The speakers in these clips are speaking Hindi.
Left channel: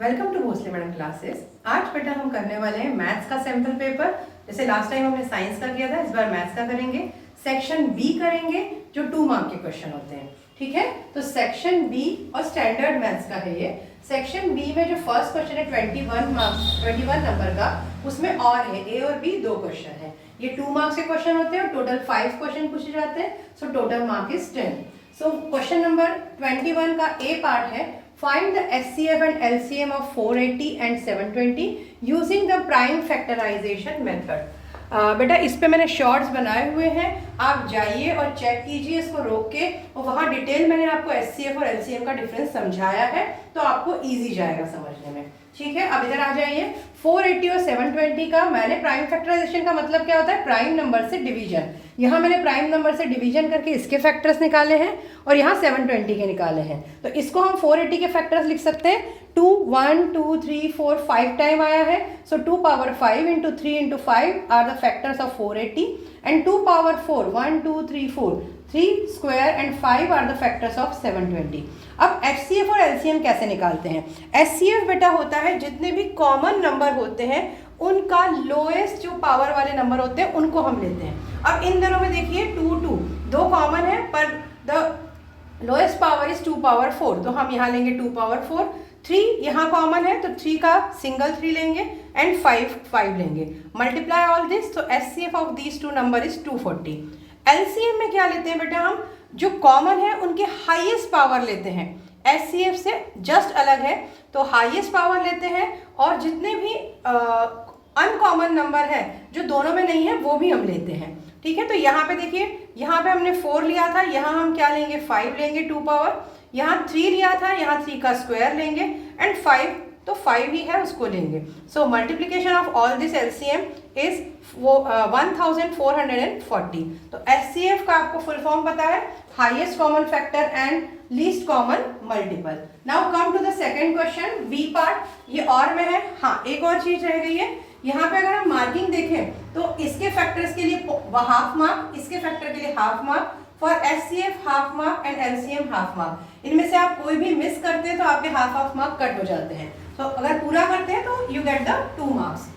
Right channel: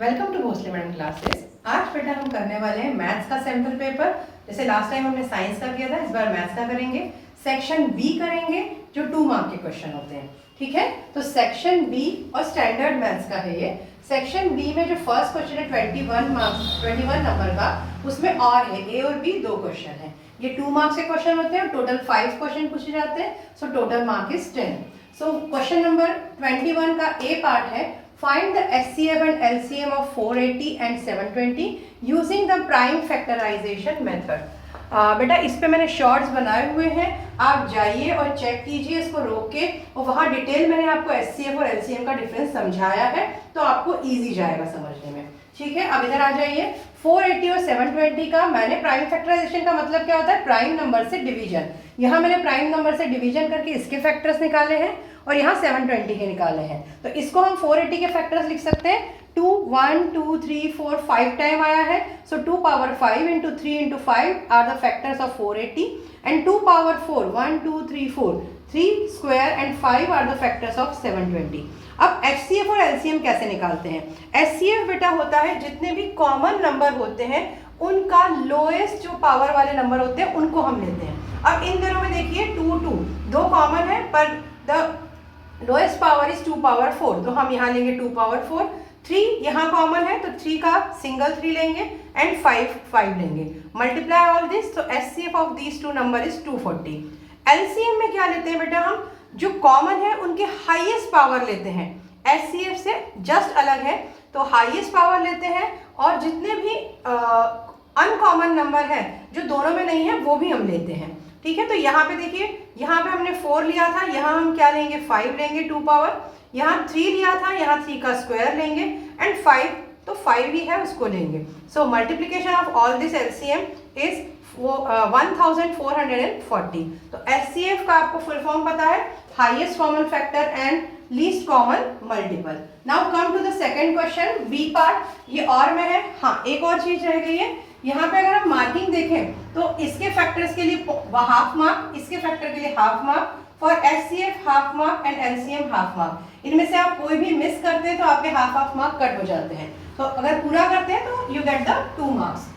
Welcome to Bhosale madam classes. आज बेटा हम करने वाले हैं मैथ्स का सैंपल पेपर। जैसे लास्ट टाइम हमने साइंस का किया था, इस बार मैथ्स का करेंगे। सेक्शन बी करेंगे जो 2 मार्क के क्वेश्चन होते हैं। ठीक है, तो सेक्शन बी और स्टैंडर्ड मैथ्स का है ये। सेक्शन बी में जो फर्स्ट क्वेश्चन है 21 मार्क्स 21 नंबर का, उसमें और है ए और बी 2 क्वेश्चन है। ये 2 मार्क्स के क्वेश्चन होते हैं और टोटल 5 क्वेश्चन पूछे जाते हैं। So total mark is 10। So question number 21 का ए पार्ट है, find the HCF and LCM of 480 and 720 using the prime factorization method। बेटा इस पे मैंने शॉर्ट्स बनाए हुए हैं, आप जाइए और चेक कीजिए इसको रोक के, और वहाँ डिटेल मैंने आपको HCF और LCM का डिफरेंस समझाया है, तो आपको इजी जाएगा समझने में। ठीक है, अब इधर आ जाइए। 480 और 720 का मैंने प्राइम फैक्टराइजेशन का मतलब क्या होता है, प्राइम नंबर से डिवीजन। यहाँ मैंने प्राइम नंबर से डिवीजन करके इसके फैक्टर्स निकाले हैं और यहाँ 720 के निकाले हैं। तो इसको हम 480 के फैक्टर्स लिख सकते हैं। 2 1 2 3 4 5 टाइम आया है, so 2 power 5 into 3 into 5 are the factors of 480 and 2 power 4 1 2 3 4 3 square and 5 are the factors of 720। अब HCF और LCM कैसे निकालते हैं? HCF बेटा होता है जितने भी कॉमन नंबर होते हैं उनका लोएस्ट जो पावर वाले नंबर होते हैं उनको हम लेते हैं। अब इन दोनों में देखिए 2 2 दो कॉमन है, पर the lowest power is 2 power 4, तो हम यहाँ लेंगे 2 पावर 4। 3 यहाँ कॉमन है तो 3 का सिंगल 3 लेंगे एंड 5 5 लेंगे। मल्टीप्लाई ऑल दिस, तो HCF of these 2 number is 240। LCM में क्या लेते हैं बेटा, हम जो कॉमन है उनके हाईएस्ट पावर लेते हैं। HCF से जस्ट अलग है, तो हाईएस्ट पावर लेते हैं और जितने भी अनकॉमन नंबर है जो दोनों में नहीं है वो भी हम लेते हैं। ठीक है, तो यहाँ पे देखिए, यहाँ पे हमने 4 लिया था, यहाँ हम क्या लेंगे 5 लेंगे 2 पावर, यहाँ 3 लिया था, यहाँ 3 का स्क्वायर लेंगे एंड 5, तो 5 ही है उसको लेंगे। So multiplication of all this LCM is 1440। तो HCF का आपको फुल फॉर्म पता है, highest common factor and least common multiple. Now come to the second question, B part, ये और में है। हाँ, एक और चीज रह गई है, यहाँ पे अगर हम मार्किंग देखें तो इसके फैक्टर्स के लिए हाफ मार्क, इसके फैक्टर के लिए half mark, for HCF half mark and LCM half mark. इनमें से आप कोई भी मिस करते हैं तो आपके हाफ मार्क कट हो जाते हैं, तो अगर पूरा करते हैं तो you get the 2 marks.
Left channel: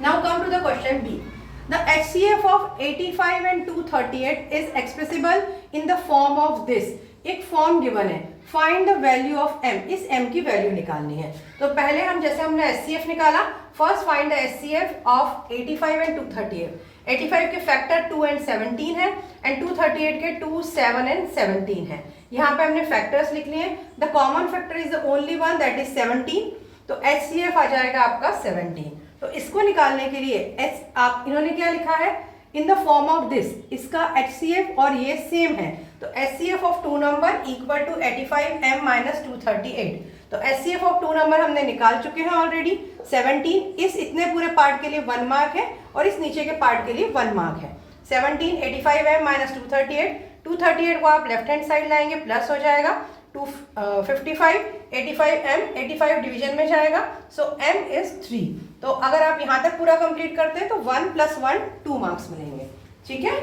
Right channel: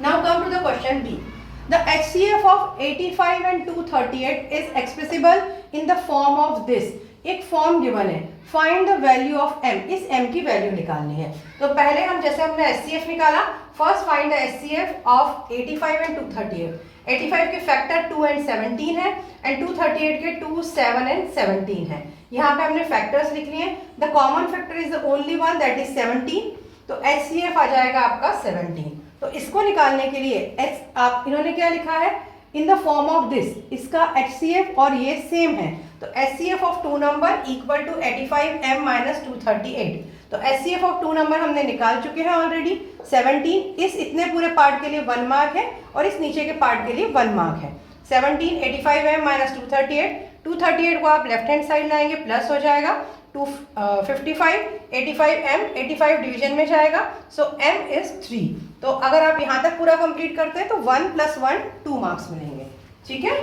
Now come to the question B. The HCF of 85 and 238 is expressible in the form of this। एक फॉर्म गिवन है, find the value of m, इस m की वैल्यू निकालनी है। तो पहले हम जैसे हमने HCF निकाला, first find the HCF of 85 and 238। 85 के फैक्टर 2 एंड 17 है एंड 238 के 2 7 एंड 17 है। यहाँ पे हमने फैक्टर्स लिख लिए। The common factor is the only one that is 17, तो HCF आ जाएगा आपका 17। तो इसको निकालने के लिए आप इन्होंने क्या लिखा है, in the form of this, इसका HCF और ये सेम है, तो HCF ऑफ 2 number equal to 85m minus 238। तो HCF ऑफ 2 नंबर हमने निकाल चुके हैं ऑलरेडी। 17 इस इतने पूरे पार्ट के लिए 1 मार्क है और इस नीचे के पार्ट के लिए 1 मार्क है। 17 85m माइनस 238, 238 को आप लेफ्ट हैंड साइड लाएंगे, प्लस हो जाएगा 255, 85m 85 डिवीजन में जाएगा, सो m इज 3। तो अगर आप यहाँ तक पूरा कंप्लीट करते हैं तो 1 + 1 2 मार्क्स मिलेंगे। ठीक है,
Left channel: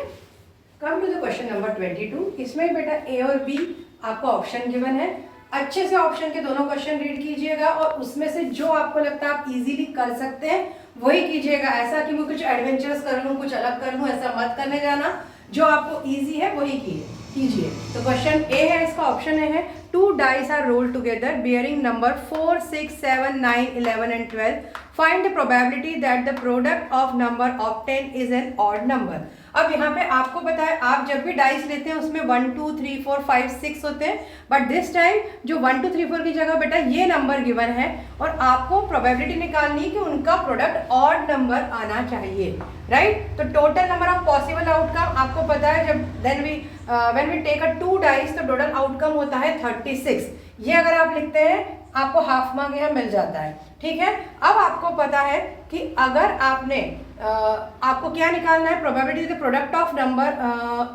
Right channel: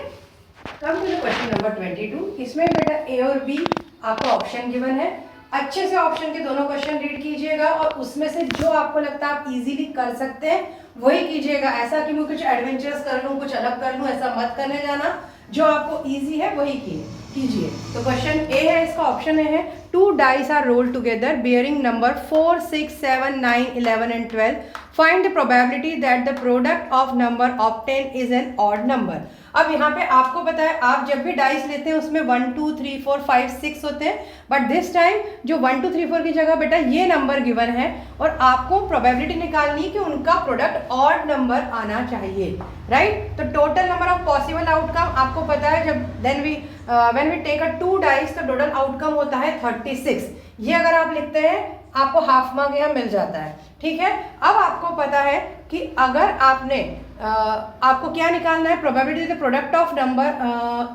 come to the question number 22। इसमें बेटा ए और बी आपको ऑप्शन गिवन है। अच्छे से ऑप्शन के दोनों क्वेश्चन रीड कीजिएगा और उसमें से जो आपको लगता है आप इजीली कर सकते हैं वही कीजिएगा। ऐसा कि मैं कुछ एडवेंचर्स कर लूँ, कुछ अलग कर लूँ, ऐसा मत करने जाना। जो आपको इजी है वही कीजिए। तो क्वेश्चन ए है, इसका ऑप्शन है 2 dice are rolled together bearing number 4 6 7 9 11 and 12। find the probability that the product of number obtained is an odd number। अब यहाँ पे आपको पता है, आप जब भी डाइस लेते हैं उसमें 1 2 3 4 5 6 होते हैं, बट दिस टाइम जो 1 2 3 4 की जगह बेटा ये नंबर गिवन है और आपको प्रोबेबिलिटी निकालनी है कि उनका प्रोडक्ट ऑड नंबर आना चाहिए, राइट। तो total number of possible outcome आपको पता है, जब when we take a 2 dice तो टोटल आउटकम होता है 36। ये अगर आप लिखते हैं आपको हाफ मार्क यहाँ मिल जाता है। ठीक है, अब आपको पता है कि अगर आपको क्या निकालना है, probability the product of number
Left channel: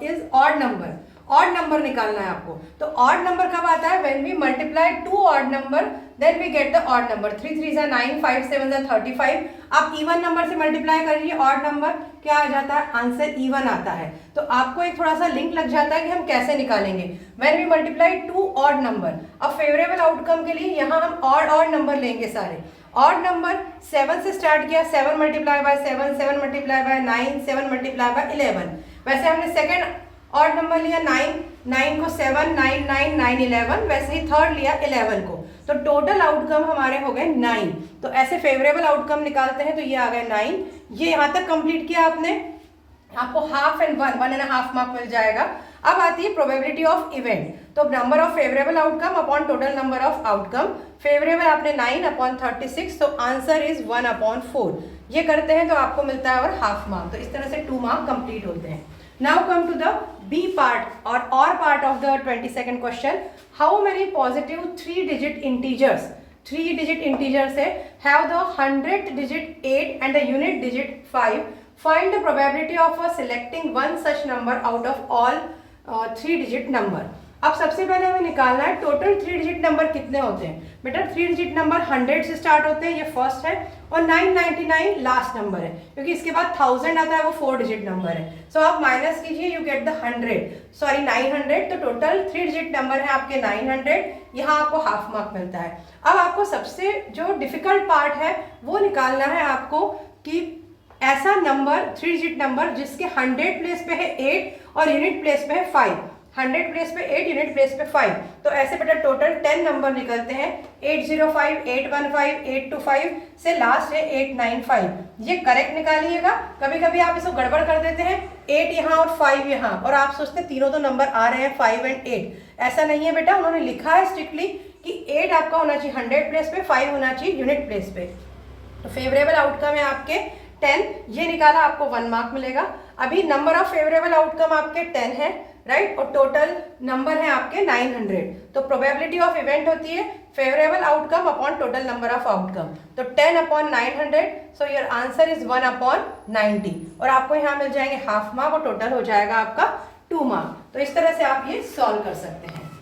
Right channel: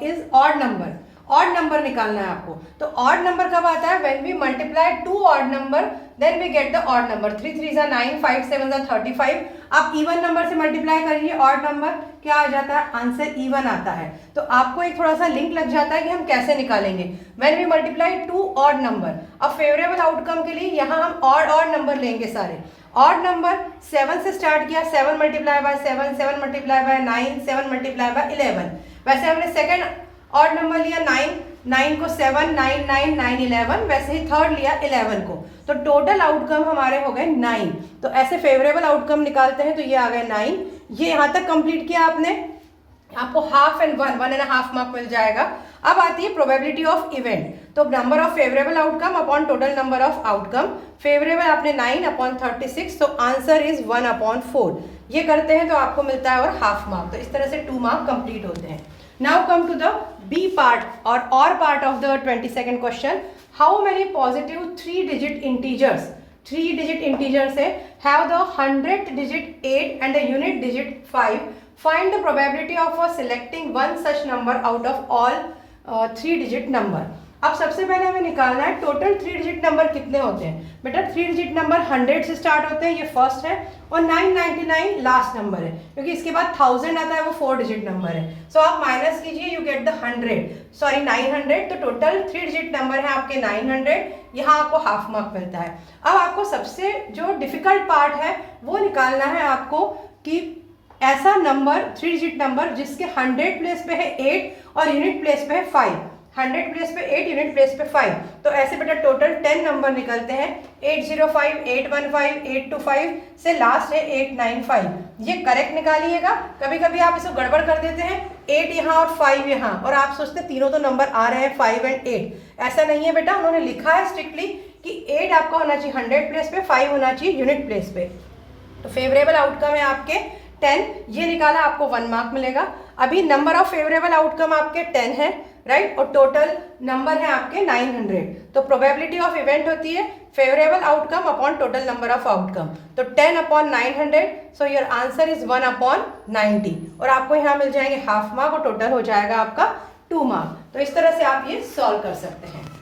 is odd number, odd number निकालना है आपको। तो ऑड नंबर कब आता है? When we multiply two odd number then we get the odd number. 3 3 ज़ा 9, 5 7 ज़ा 35। आप इवन नंबर से मल्टीप्लाई करिए ऑड नंबर, क्या आ जाता है? आंसर इवन आता है। तो आपको एक थोड़ा सा लिंक लग जाता है कि हम कैसे निकालेंगे। When we multiply two odd number, अब फेवरेबल आउटकम के लिए यहाँ हम ऑड नंबर लेंगे सारे। ऑड नंबर 7 से स्टार्ट किया, 7 multiply by 7, 7 multiply by 9, 7 multiply by 11। वैसे हमने सेकंड ऑड नंबर लिया 9, 9 को 7, 9 9 9 11। वैसे ही थर्ड लिया 11 को। तो टोटल आउटकम हमारे हो गए 9। तो ऐसे फेवरेबल आउटकम निकालते हैं। तो ये आ गए 9। ये यहाँ तक कंप्लीट किया आपने, आपको हाफ एंड 1.5 मार्क मिल जाएगा। अब आती है प्रोबेबिलिटी ऑफ इवेंट। तो number of favourable outcome upon total number of outcome. Favourable आपने 9 अपॉन 36, तो आंसर इज 1/4। ये करते हैं तो आपको मिलता है और हाफ मार्क। तो इस तरह से 2 मार्क कंप्लीट होते हैं। Now come to the B part और part of the 22nd question. How many positive 3 digit integers, 3 digit integers है, have the 100th digit 8 and the unit digit 5। Find the probability of selecting one such number out of all 3 digit number। अब सबसे पहले हमें निकालना है टोटल 3 डिजिट नंबर कितने होते हैं। बेटा 3 डिजिट नंबर 100 से स्टार्ट होते हैं, ये फर्स्ट है, और 999 लास्ट नंबर है, क्योंकि इसके बाद 1000 आता है, वो 4 डिजिट नंबर है। सो आप माइनस कीजिए, यू गेट द 900। तो टोटल 3 डिजिट नंबर है आपके 900। यहाँ आपको हाफ मार्क मिलता है। अब आपको सबसे जो डिफिकल्ट पार्ट है वो निकालना है आपको कि ऐसा नंबर 3 डिजिट नंबर जिसके 100 प्लेस पे है 8 और यूनिट प्लेस पे है 5। 100 प्लेस पे 8, यूनिट प्लेस पे 5। तो ऐसे बेटा टोटल 10 नंबर निकलते हैं। 805, 815, 825 से लास्ट है 895। ये करेक्ट निकालिएगा। कभी कभी आप इसको गड़बड़ कर देते हैं, 8 यहाँ और 5 यहाँ, और आप सोचते हैं तीनों तो नंबर आ रहे हैं 5 एंड 8। ऐसा नहीं है बेटा, उन्होंने लिखा है स्ट्रिक्टली कि 8 आपका होना चाहिए 100 प्लेस पे, 5 होना चाहिए यूनिट प्लेस पे। तो फेवरेबल आउटकम है आपके 10, ये निकाला, आपको 1 मार्क मिलेगा। अभी नंबर ऑफ फेवरेबल आउटकम आपके 10 है, राइट, और टोटल नंबर है आपके 900। तो प्रोबेबिलिटी ऑफ इवेंट होती है favourable outcome upon total number of outcome. तो 10 upon 900, so your answer is 1/90। और आपको यहाँ मिल जाएंगे हाफ मार्क और टोटल हो जाएगा आपका 2 मार्क। तो इस तरह से आप ये सॉल्व कर सकते हैं।